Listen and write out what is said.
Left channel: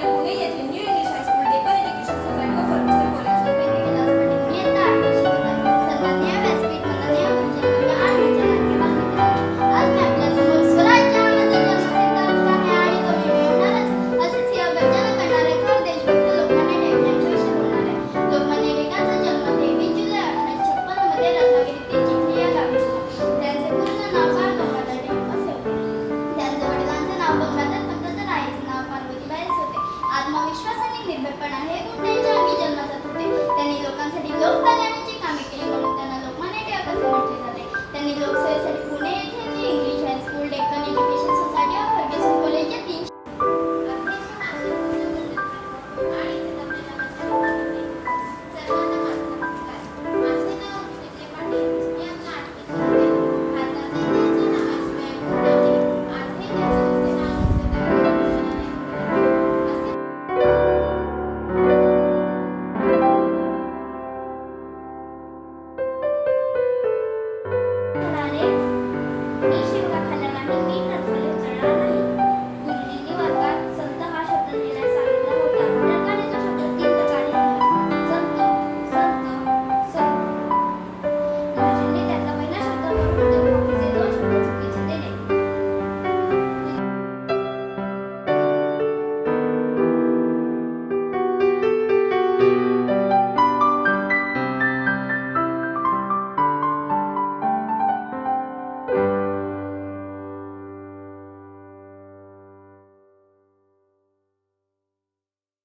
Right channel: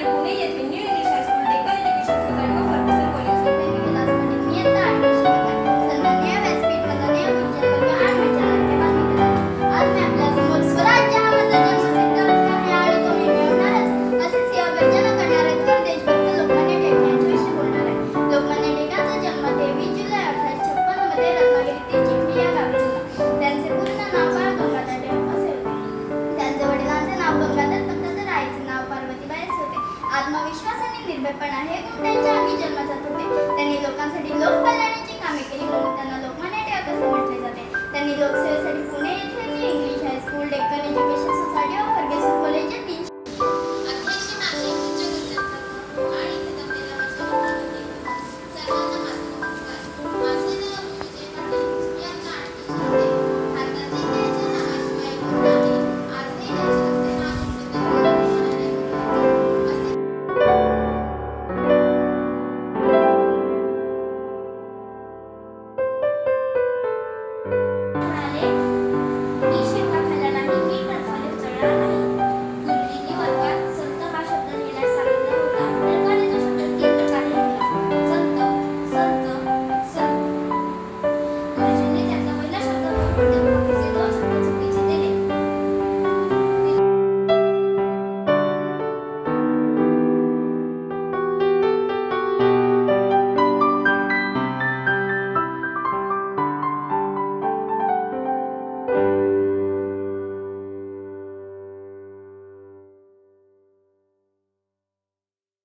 但是后面也挺牛。